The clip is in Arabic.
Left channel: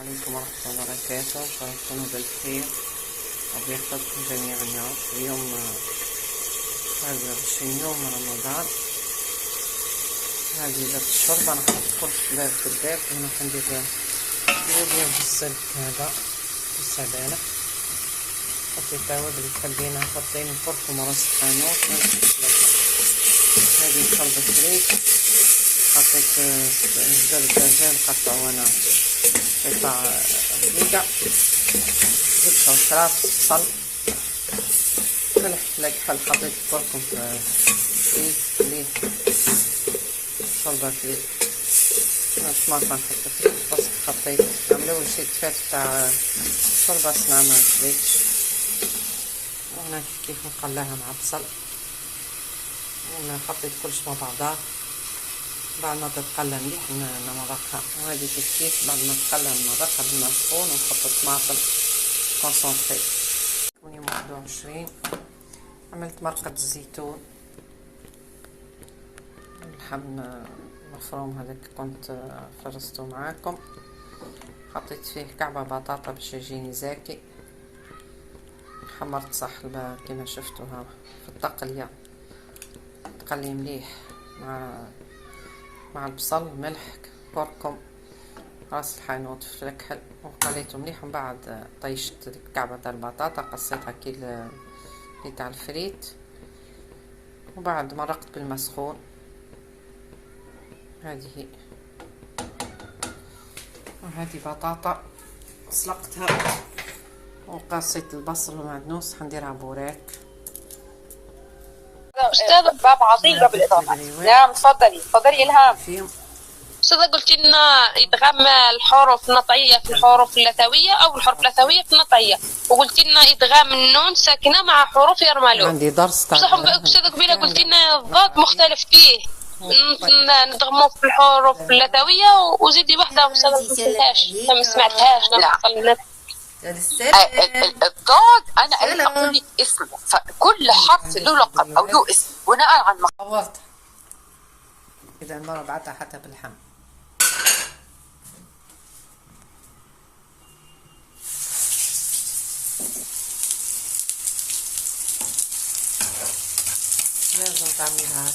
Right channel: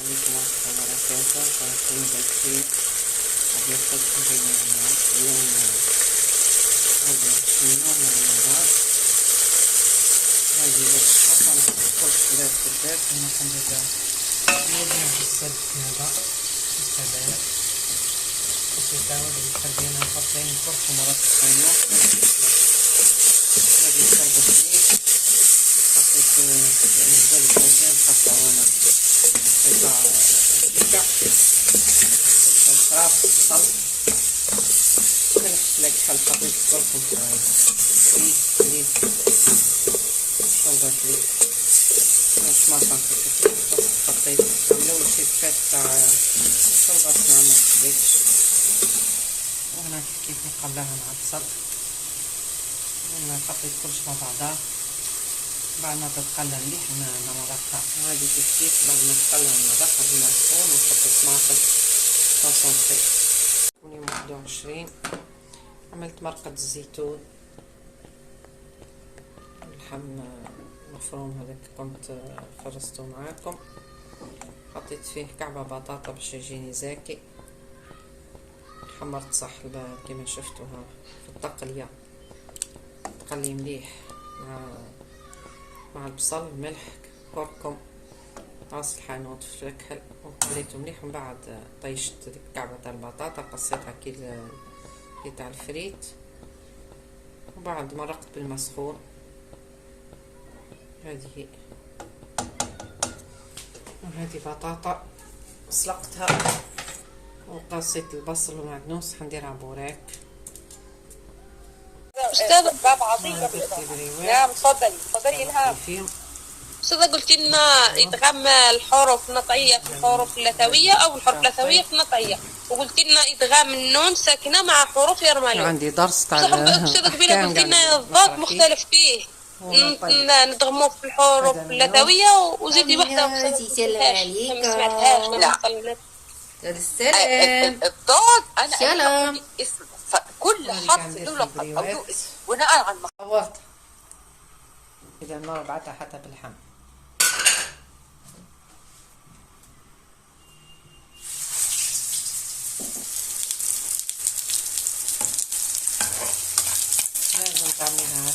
عليكم ورحمة الله وبركاته، إن شاء الله تكونوا بالخير وبيحفظكم جميعا يا رب. اليوم 21 يوم من رمضان. هذه بس الشوربة أنا حط كل شباب في البيت إنه حندير جايبين السلك هذا السبانة وسيتاود اللي خلينا نحطين كركم ورز خانوق. هذه شوربة فريك، حطيت زبدة دجاج قطعوا أنا قطع رقيقة، زبدة وشراف بصل ملح فلفل حل. حطيت كركم فريك ليه شوربة فريك، طماطم نحط فريك، بس حطيت عملوا شي تفات تاع شوربة صنع ما كبيتش، وهنا كيف نقلاها مع البصل. وهنا حطيت كلش مع بعضها بعد ما تتقلى مليح نمرقها. وهذه كيف بعد ما تقلى نمرقها بالماء سخون ونحط الطماطم كونسونطري. يوم 21 عملت مرقة الزيتون، اللحم مفروم هذاك كنت فرزته معاكم. حطيت فيه كعبة بطاطا باش يجيني زاكي. حمرت صحلبة كما شفتوا ها في التقلية، تقلي مليح مع البصل، ملح، كركم، راس الحانوت، فلفل، وقليته مليح. ومن بعد طيشت ديك كعبة تاع البطاطا، قصيتها كي تاع الفريت، وبعد مرقت بالماء سخون. هذه بطاطا سلقتها، وقصيت البصل ومعدنوس حنديرها بوراك. أستاذة باب عظيم بالإضافة. نعم تفضلي إلهام. أستاذة قلت لنا إدغام الحروف النطعية في الحروف اللثوية أو الحروف اللثوية في النطعية، وقلت لنا إدغام النون ساكنة مع حروف يرملون. عندي درس تاع أستاذة قبيلة قلت لنا الضاد مختلف فيه، ندغموه في الحروف اللثوية وزيدي واحدة ما سمعتهاش. السلام. الضاد انا اعطيني اسم، فكل حرف له لقب او له اسم بناء على صورت. اذا المره بعتها حتى بالحم. لازم تعملها